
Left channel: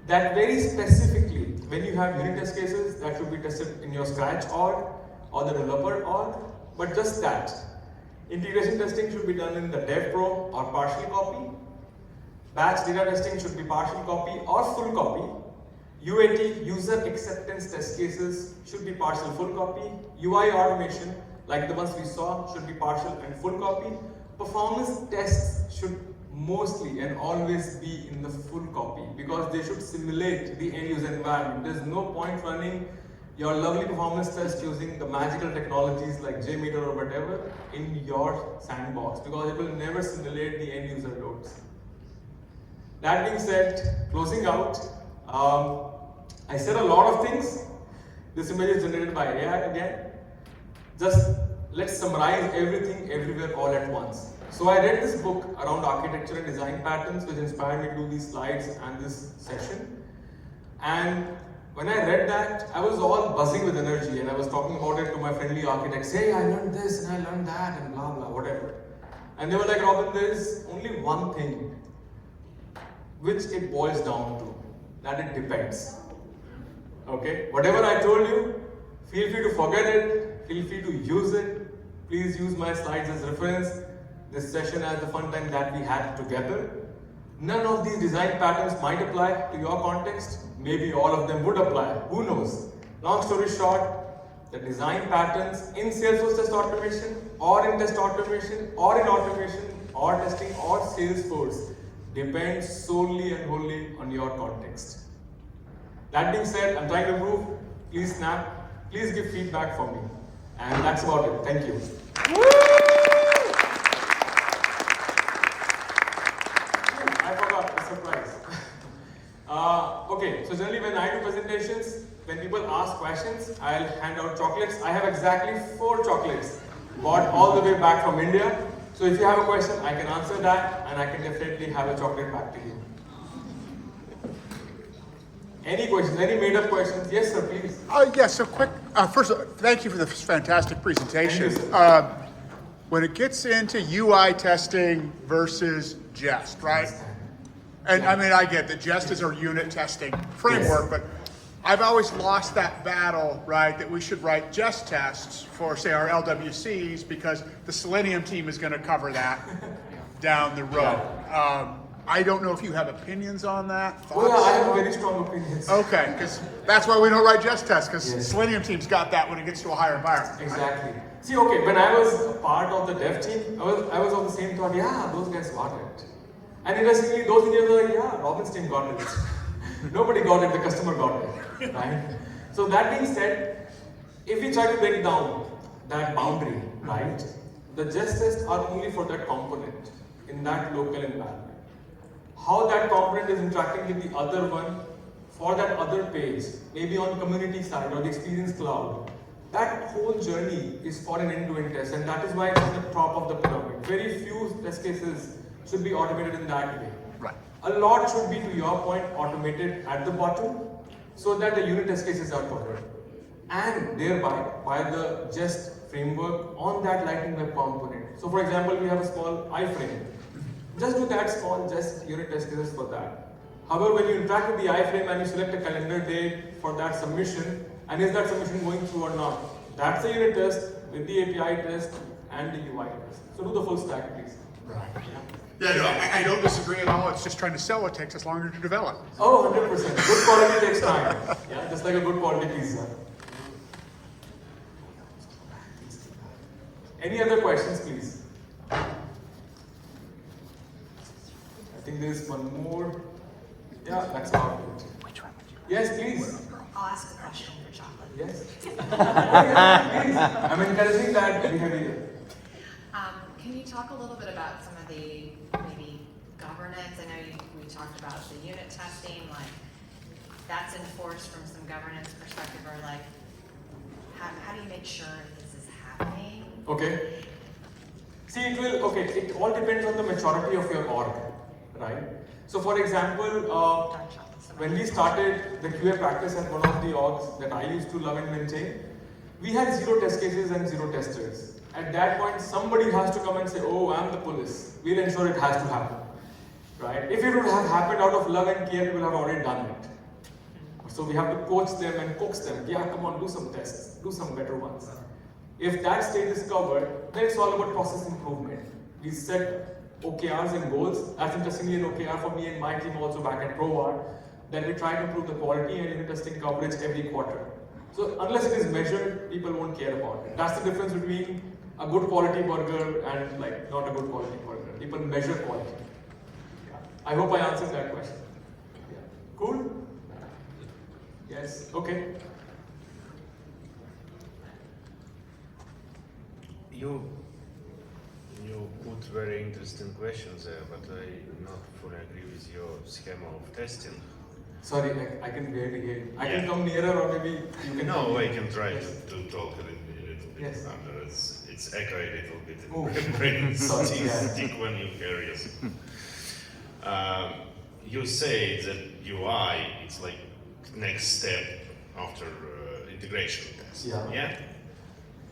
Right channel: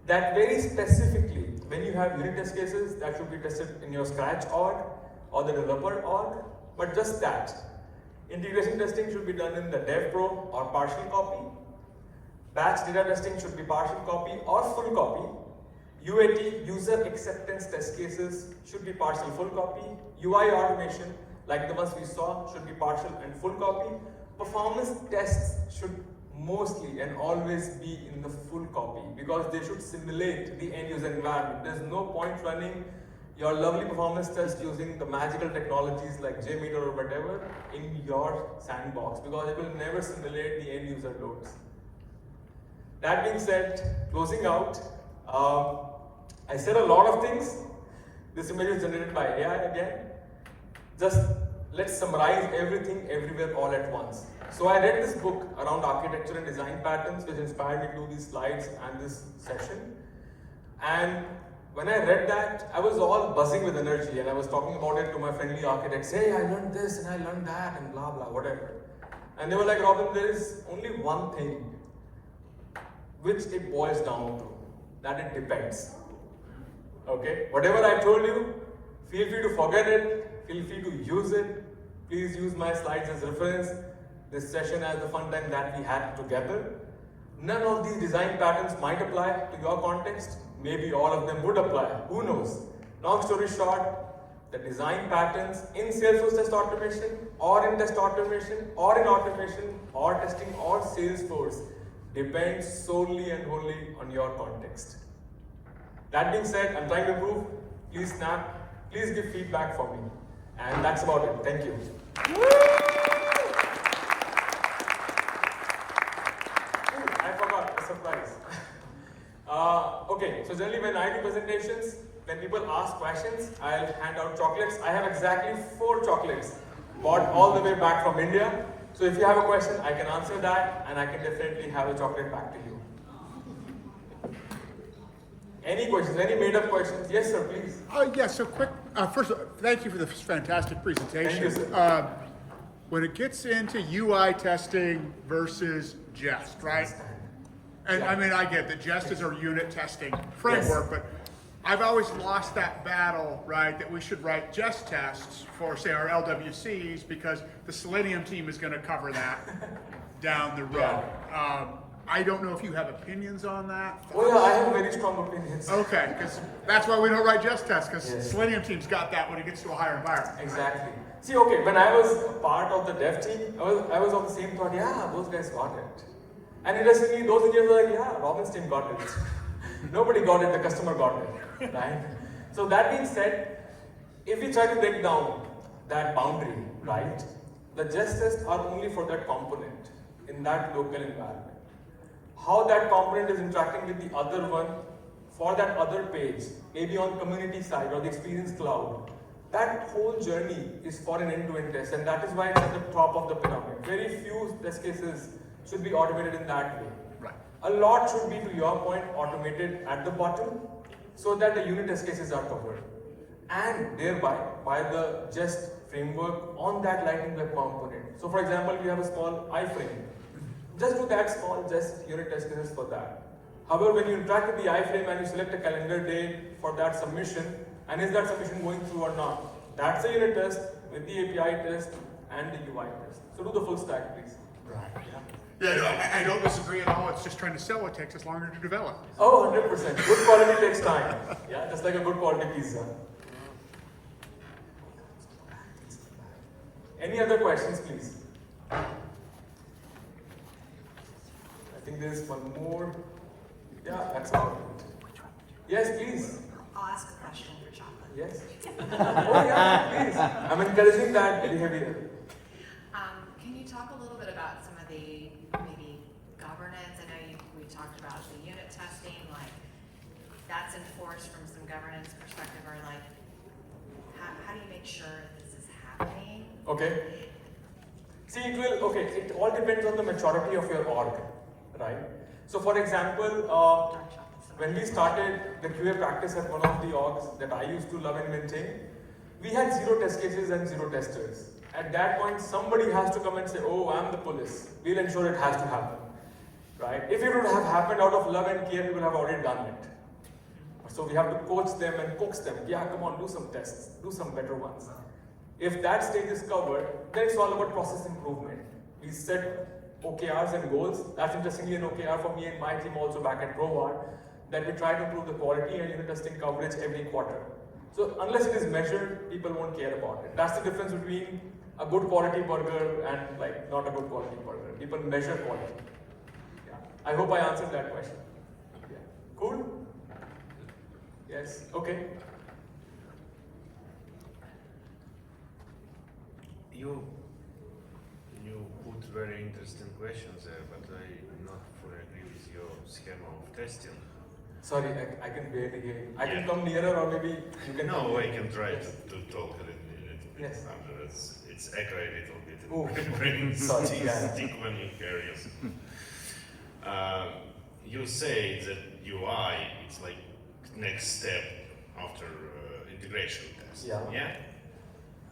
That very specifically, when you have unit test cases, that should be tested in your Scratch org or the developer org, but just that. Integration testing should be done in the dev pro or partial copy. Batch data testing should be partial copy or full copy. UAT, user acceptance test cases, should be partial full copy. UI automation, like the ones we saw, should be partial and full copy. Performance tests should mostly and always be in the full copy because they should simulate the end user environment. There's no point running your lovely performance test using the magical technologies like JMeter or whatever in your sandbox because it will never simulate the end user loads. That being said, closing out, I said a lot of things. This image is generated by AI again. Just let's summarize everything everywhere all at once. So I read this book around architecture and design patterns which inspired me to do these slides and this section. And when I read that, I was all buzzing with energy and I was talking about it to my friendly architects. Hey, I learned this and I learned that and blah blah, whatever. And they were like, Robin, there is only one thing which it boils down to, that it depends. Okay? Whatever I told you, feel free to forget it, feel free to use it. Please use my slides as reference. this session as the fun time that we had together. None of these design patterns might apply to your context. Maybe all of them would apply. Who knows? Long story short, the design patterns in Salesforce test automation, or in test automation, or in automation, or testing, or Salesforce depend solely and wholly on your context. That being said, I'm trying to improve. Please snap. Please give feedback for me. And that's about it. Thank you. I forgot a surprise. Okay, so generally when I do presentations, when people ask questions, I'll hand out chocolates. I have exactly 4 chocolates bought all the way back from India. So if you have a question, I can answer that, and I can definitely have a chocolate back to you. Any questions? Any made-up questions? Yes, sir, please. Yes, so quick. First, thank you for this fantastic presentation. When it gets into UI testing versus Jest, right? And I mean, I get that Jest is our unit testing framework, but I've always lost that battle, right? That we should write Jest tests for, say, our LWCs because the Selenium team is going to cover that down the road. I don't know if you have opinions on that. Thoughts? I have very strong opinions. Okay, because that's why we don't write Jest tests, because Selenium team's got that when it gets to a higher environment. Exactly. See, okay, when I was a part of the dev team, I was on the same thought, yeah, those guys got it. And interestingly, those engineers were like, yeah, Robin's team got it. Nobody got it, the customer got it, right? So that being said, if we try to break down that boundary, right, the Jest tests are only for that component in that local environment. How that component is interacting with the other one for that other page, maybe on community side or the experience cloud. That whole journey is for an end-to-end test, and that is why it's at the top of the pyramid. Very few test cases should be automated in that way. Right. A lot should be, to your point, automated at the bottom, so that the unit test cases are covered. And thereby, by the Jest framework on that Lightning Web component. So for example, we have a small iframe. Just do that small Jest unit test cases for that. However, when you interact with the iframe and you select a calendar date for that submission, and is that submission going through or not? That's a unit test with the API test and the UI test. So do the full stack, please. Right. Yeah, no, I don't disagree at all. It's just trying to sell. It takes us longer to develop. Oh, 100%. Good quality takes time. Yeah, just like a good quality pizza. Any other questions, please? I think there's one more. Yeah, that's about it. Yes, please. I'll ask a question for chocolate. Yes. Oh, yeah, please. I'm encouraging that behavior. Can you talk a little bit about some of the maybe governance? I know we talked about the unit testing, like that's enforced from some governance perspective, or like how do you make sure this is happening? Okay. See, it all depends on the maturity of your org, right? So for example, when we started the QA practice at one of the orgs that I used to love and maintain, we had 0 test cases and 0 testers. At that point, somebody has to come and say, oh, I'm the police. We'll ensure it has to happen, right? If it would have happened out of love and care, we would have already done it. So we have to coach them and coax them. Yeah, come on, do some tests, do some better ones. If that stage is covered, then it's all about process improvement. We set OKRs and goals. That's interestingly an OKR for me and my team also back at Provard, that we try to improve the quality and unit testing coverage every quarter. So unless it is measured, people won't care about it. That's the difference between a good quality burger and like not a good quality burger. People measure quality. I hope I answered that question. Cool? Yes, okay. You put very interesting questions there, but I not fully agree with your schema of testing. Sorry, I can barely hear you. I can Yeah. come nearer or maybe you can... No, I can try to talk a little bit. Yes. It's echo a little bit. Oh, Brain sorry, stick when you hear yes. You say that UI is like next step after integration test. Yeah.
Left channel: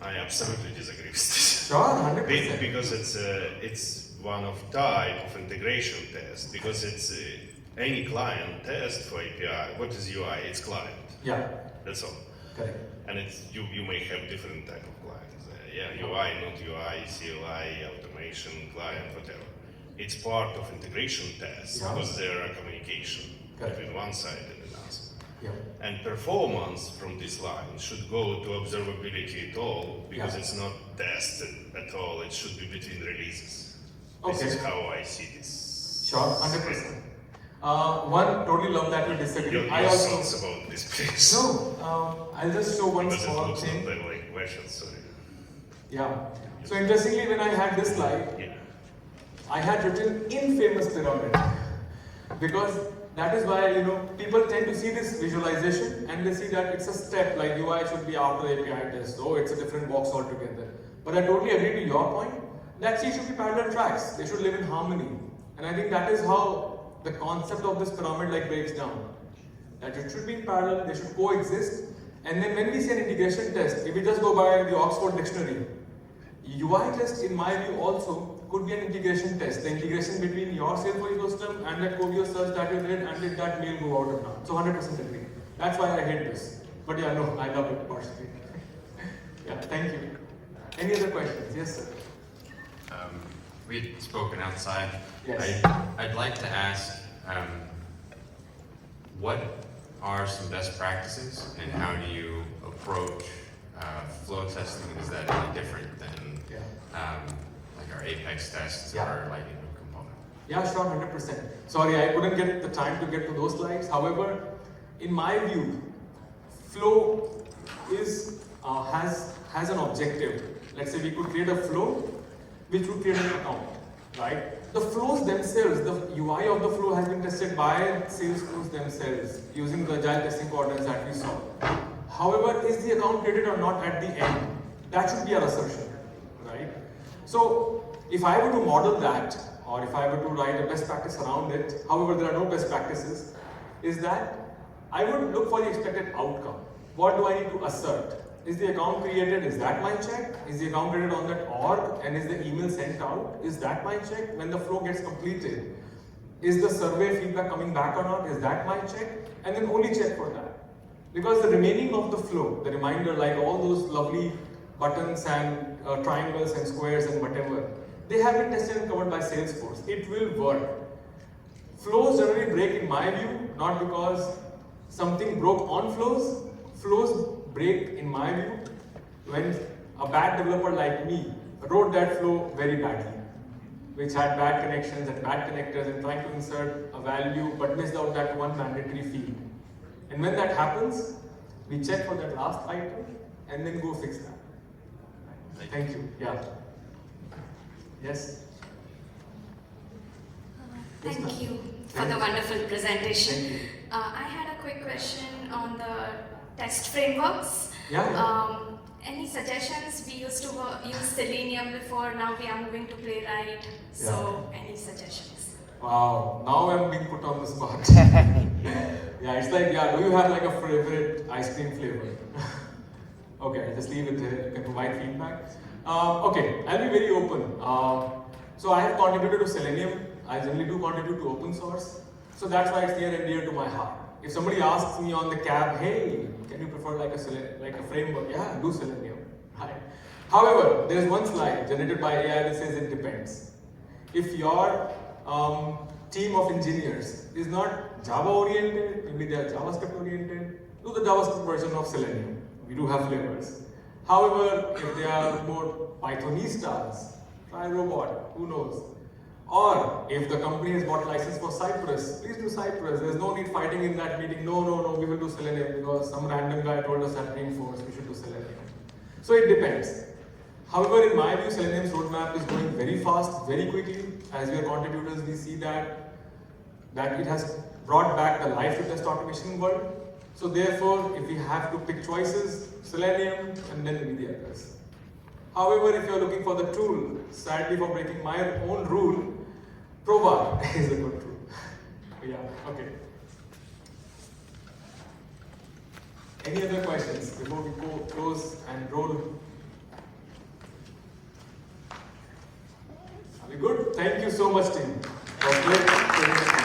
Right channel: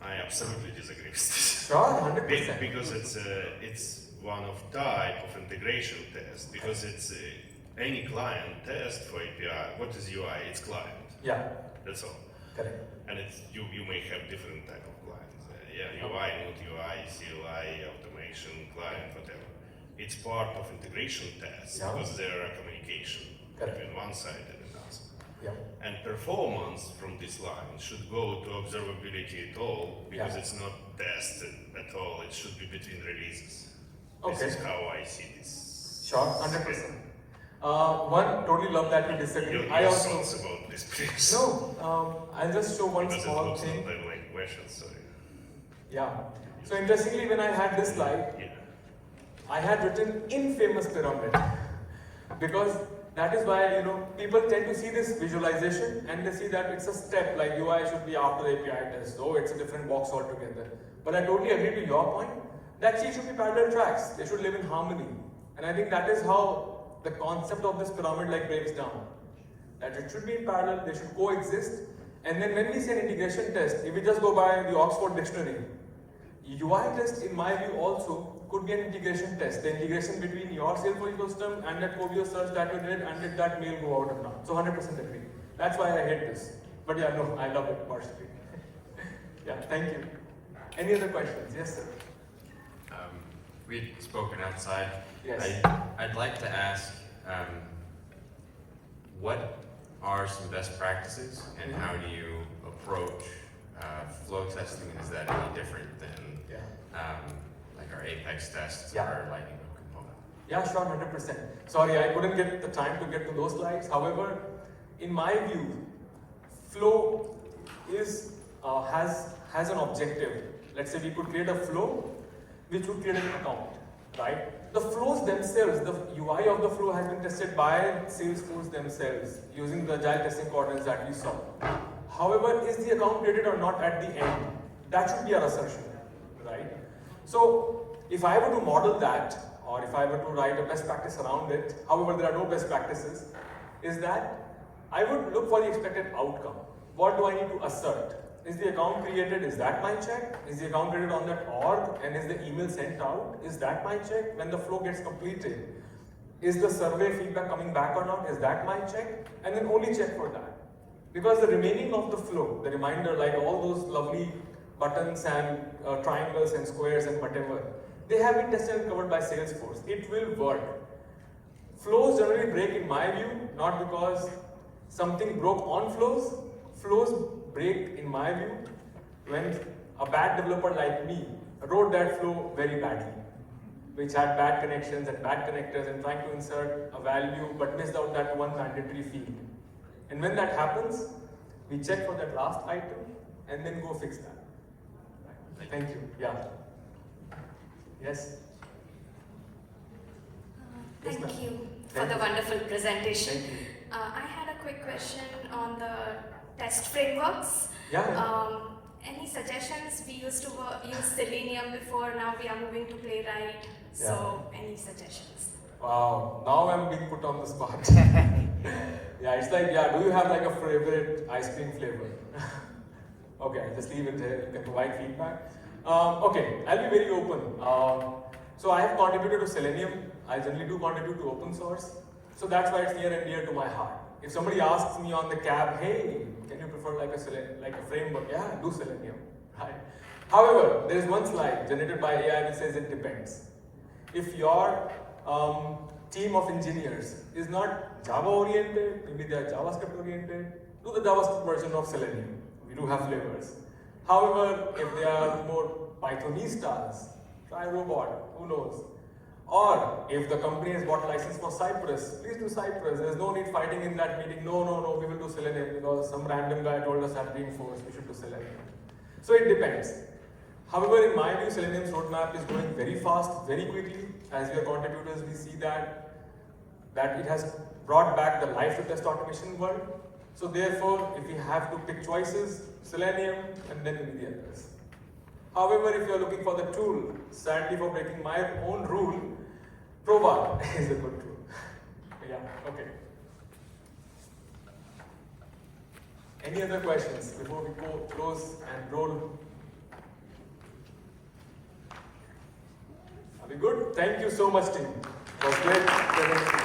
I absolutely disagree with this. Sure, 100%. Because it's one of type of integration test, because it's any client test for API. What is UI? It's client. Yeah, That's all. correct. And it's you may have different type of clients. Yeah, UI, not UI, CLI, automation, client, whatever. It's part of integration tests Yeah. because there are communication Correct. between one side and another. Yeah. And performance from this line should go to observability at all because Yeah. it's not tested at all. It should be between releases. This Okay. is how I see this. Sure, 100%. One, totally love that you disagree. Your I also, thoughts about this, please. no, I'll just show one Because it small looks not thing. that like questions, sorry. Yeah. So interestingly, when I had this slide, Yeah. I had written infamous pyramid because that is why people tend to see this visualization and they see that it's a step like UI should be after API test. Oh, it's a different box altogether. But I totally agree to your point that she should be parallel tracks. They should live in harmony. And I think that is how the concept of this pyramid breaks down. That it should be in parallel, they should coexist. And then when we say an integration test, if we just go by the Oxford dictionary, UI test in my view also could be an integration test. The integration between your Salesforce ecosystem and that Cogio search that you did and did that mail go out or not. So 100% agree. That's why I hate this. But yeah, no, I love it personally. Yeah, thank you. Any other questions? Yes, sir. We'd spoken outside. Yes. I'd like to ask, what are some best practices and how do you approach flow testing? Is that any different than like our Apex tests or our Lightning Loop component? Yeah, sure, 100%. Sorry, I couldn't get the time to get to those slides. However, in my view, flow is has an objective. Let's say we could create a flow which would create an account, right? The flows themselves, the UI of the flow has been tested by Salesforce themselves using the agile testing coordinates that we saw. However, is the account created or not at the end? That should be our assertion, right? So, if I were to model that, or if I were to write a best practice around it, however, there are no best practices, is that I would look for the expected outcome. What do I need to assert? Is the account created? Is that my check? Is the account created on that org? And is the email sent out? Is that my check? When the flow gets completed, is the survey feedback coming back or not? Is that my check? And then only check for that. Because the remaining of the flow, the reminder, like all those lovely buttons and triangles and squares and whatever, they have been tested and covered by Salesforce. It will work. Flows generally break in my view, not because something broke on flows. Flows break in my view when a bad developer like me wrote that flow very badly, which had bad connections and bad connectors and trying to insert a value but missed out that one mandatory field. And when that happens, we check for that last item and then go fix that. Thank you. Yeah. Yes? Thank you for the wonderful presentation. I had a quick question on the test frameworks. Yeah. Any suggestions? We used to use Selenium before, now we are moving to Playwright. So, any suggestions? Wow, now I'm being put on the spot. Yeah, it's like, do you have like a favorite ice cream flavor? Okay, just leave it there. You can provide feedback. Okay, I'll be very open. So I have contributed to Selenium. I generally do contribute to open source. So that's why it's near and dear to my heart. If somebody asks me on the cab, hey, can you prefer like a framework? Yeah, do Selenium. Right? However, there is one slide generated by AI that says it depends. If your team of engineers is not Java oriented, maybe they are JavaScript oriented, do the JavaScript version of Selenium. We do have flavors. However, if they are more Pythonistas, try Robot, who knows? Or if the company has bought license for Cypress, please do Cypress. There's no need fighting in that meeting. No, we will do Selenium because some random guy told us at Dreamforce we should do Selenium. So it depends. However, in my view, Selenium's roadmap is going very fast, very quickly. As we are contributors, we see that it has brought back the life to test automation world. So therefore, if we have to pick choices, Selenium and then maybe the others. However, if you are looking for the tool, sadly for breaking my own rule, Prova is a good tool. Yeah, okay. Any other questions before we go close and roll? Are we good? Thank you so much, team. That was great.